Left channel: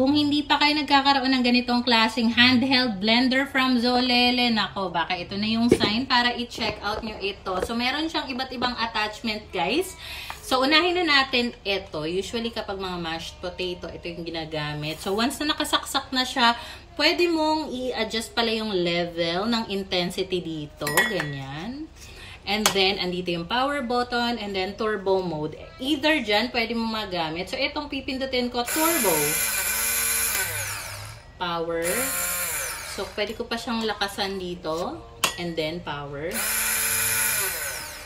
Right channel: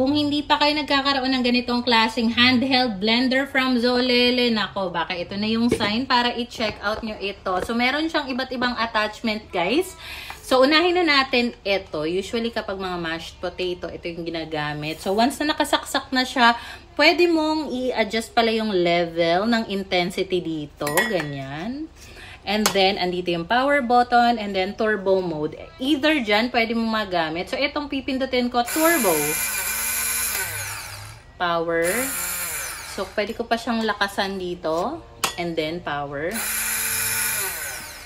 Kung hindi pa kayo nagkakaroon ng ganitong klaseng handheld blender from Zolele, nako, baka ito na yung sign para i-check out nyo ito. So, meron siyang iba't ibang attachment, guys. So, unahin na natin ito. Usually, kapag mga mashed potato, ito yung ginagamit. So, once na nakasaksak na siya, pwede mong i-adjust pala yung level ng intensity dito. Ganyan. And then, andito yung power button and then turbo mode. Either dyan, pwede mo magamit. So, itong pipindutin ko, turbo. Power. So, pwede ko pa siyang lakasan dito. And then, power.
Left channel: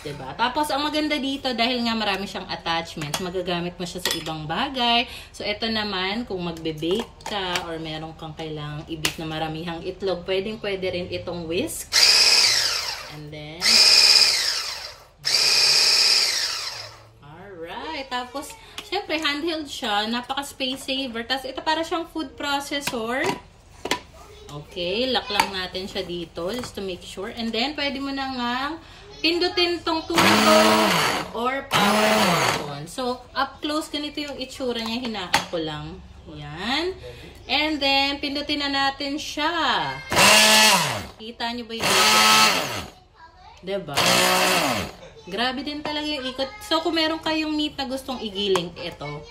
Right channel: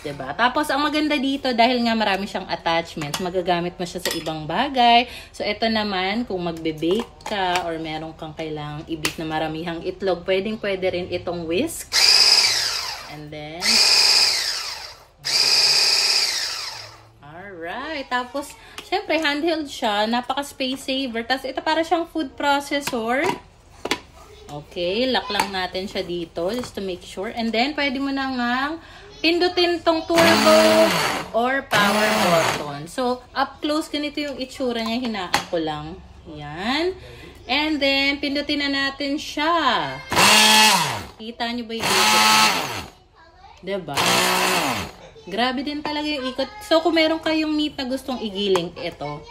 Diba? Tapos, ang maganda dito, dahil nga marami siyang attachments, magagamit mo siya sa ibang bagay. So, ito naman, kung magbe-bake ka or meron kang kailangang i-bake na maramihang itlog, pwede rin itong whisk. And then, alright. Tapos, syempre, handheld siya. Napaka-space saver. Tapos, ito para siyang food processor. Okay, lock lang natin siya dito just to make sure. And then, pwede mo na nga pindutin tong turbo or power button. So, up close, ganito yung itsura niya. Hinaan ko lang. Yan. And then, pindutin na natin siya. Kita nyo ba yung ikot? Diba? Grabe din talaga yung ikot. So, kung meron kayong meat na gustong igiling, ito.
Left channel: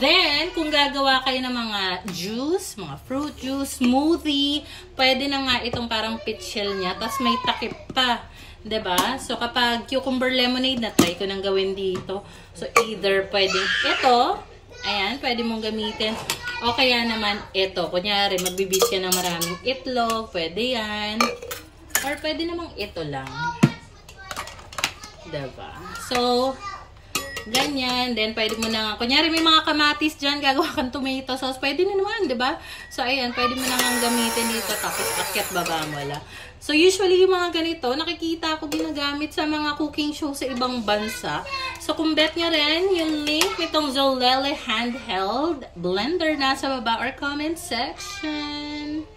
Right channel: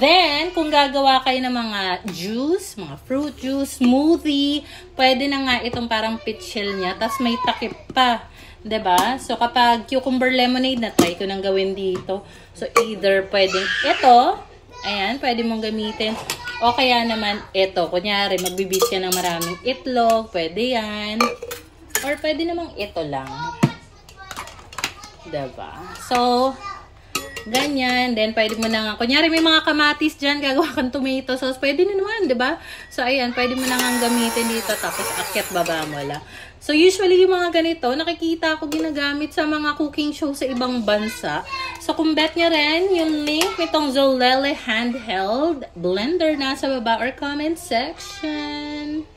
Then, kung gagawa kayo ng mga juice, mga fruit juice, smoothie, pwede na nga itong parang pitchel niya. Tapos may takip pa. Diba? So, kapag cucumber lemonade, na-try ko nang gawin dito. So, either pwedeng ito, ayan, pwede mong gamitin. O kaya naman ito. Kunyari, magbibis yan ng maraming itlog, pwede yan. Or pwede namang ito lang. Diba? So, ganyan. Then, pwede mo na nga, kunyari may mga kamatis dyan, gagawa kang tomato sauce, pwede na naman, diba? So, ayan, pwede mo na nga gamitin dito, tapos akyat baba mo lang. So, usually yung mga ganito, nakikita ko ginagamit sa mga cooking show sa ibang bansa. So, kung bet nyo rin, yung link nitong Zolele handheld blender nasa baba or comment section.